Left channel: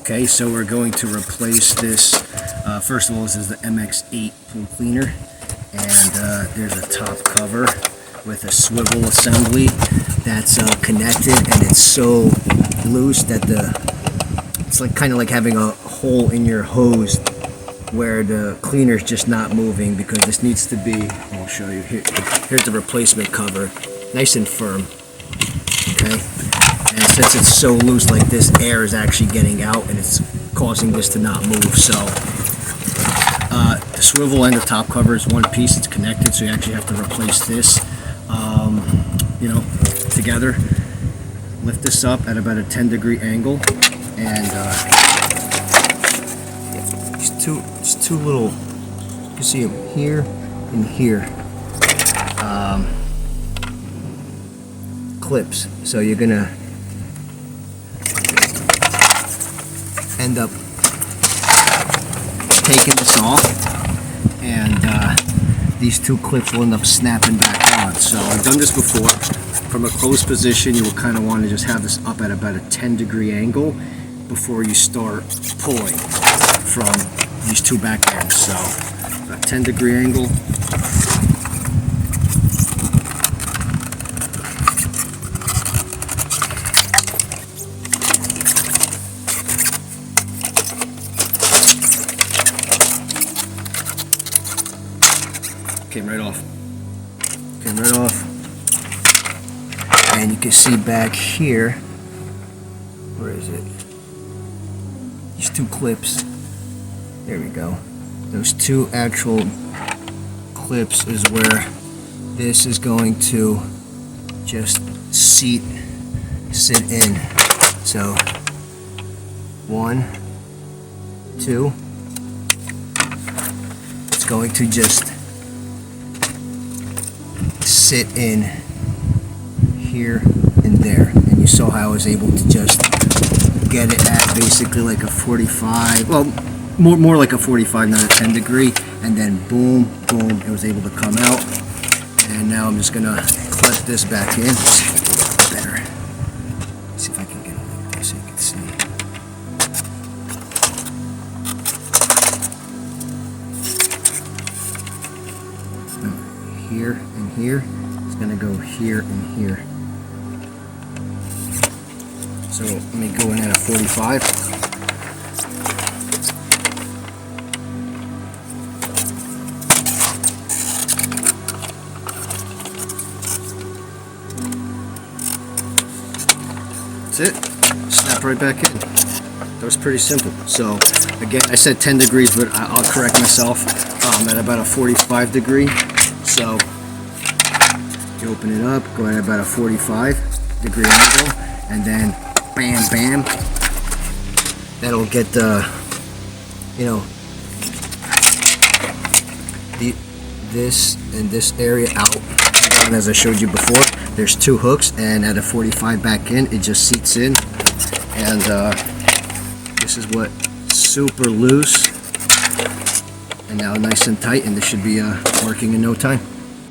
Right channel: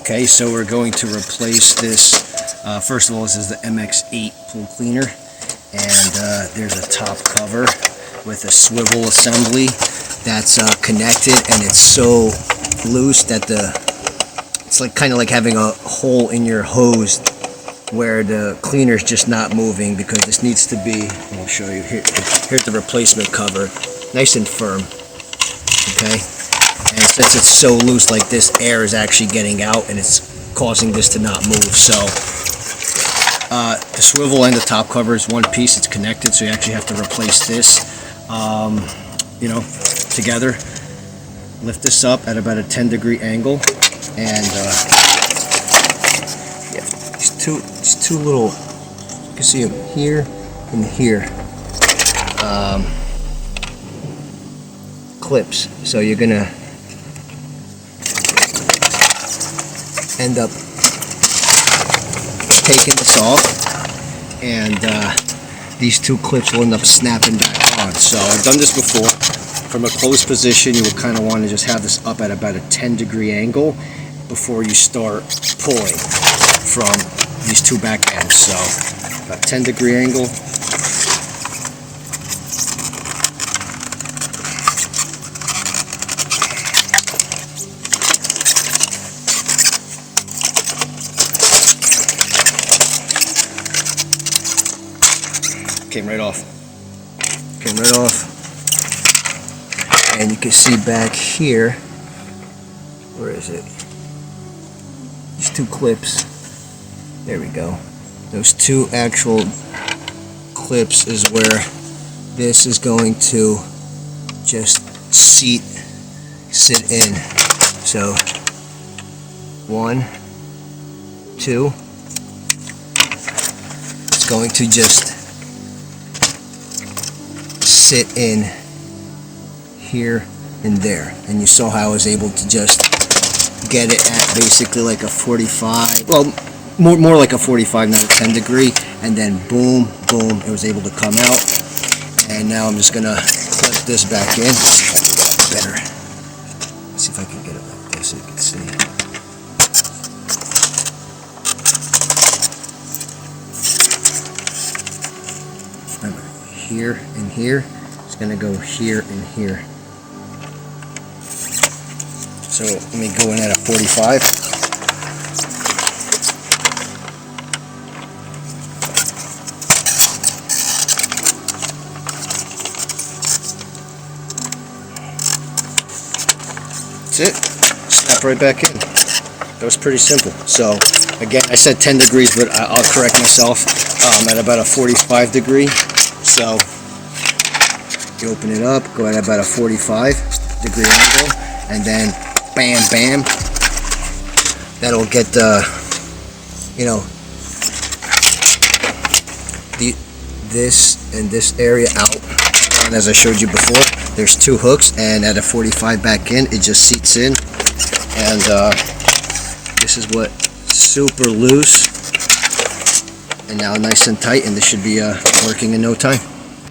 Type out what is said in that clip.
Okay, so we're going to replace this. First of all, this is the MX8 pool cleaner, and there's a top cover with a swivel assembly that's connected, and it's so loose that it's like kind of like having a hole in your hose where the cleaner's just not moving, because this needs to be, I'll show you here. Here's the replacement cover, nice and firm. Okay, and since it's so loose like this, air is actually getting out and it's causing this to not move. So the swivel and the top cover is one piece, it's connected, so you actually have to replace this together. Lift this up at about a 10-degree angle, and these two little, you can see them here and here, clips. So you're gonna end up taking this off, and these two clips will end up snapping back on. So I've done this before. From a closed position, you will kind of want to just have this up at about a 10-degree angle before you start pulling from these two back ends. So about 10-degree angle. Came right off. And you can see back here, where is it? These two clips. There we go. Those two actual clips is where this is going to just sit in. So 1, 2. It's going to just sit in here and there, and you saw how I was able to just get it at basically like a 45, well, more like a 45, not a 10-degree, and then boom, boom, it was able to come out. And now I'm just gonna clip this back in. Better. Let's see if I can get it like this so you can see. Here and here. It's gonna go here and here. So let me go in at a 45. That's it. Snap right back in. That was pretty simple. So again, I said 10 degrees, but I'll correct myself. At about a 45 degree. So you open it up, go at about a 45-degree angle, and then bam, bam. That'll get this and this area out. And as I showed you before, there's two hooks, and at a 45 back in, it just seats in. And this is what, super loose, and now nice and tight, and this should be working in no time.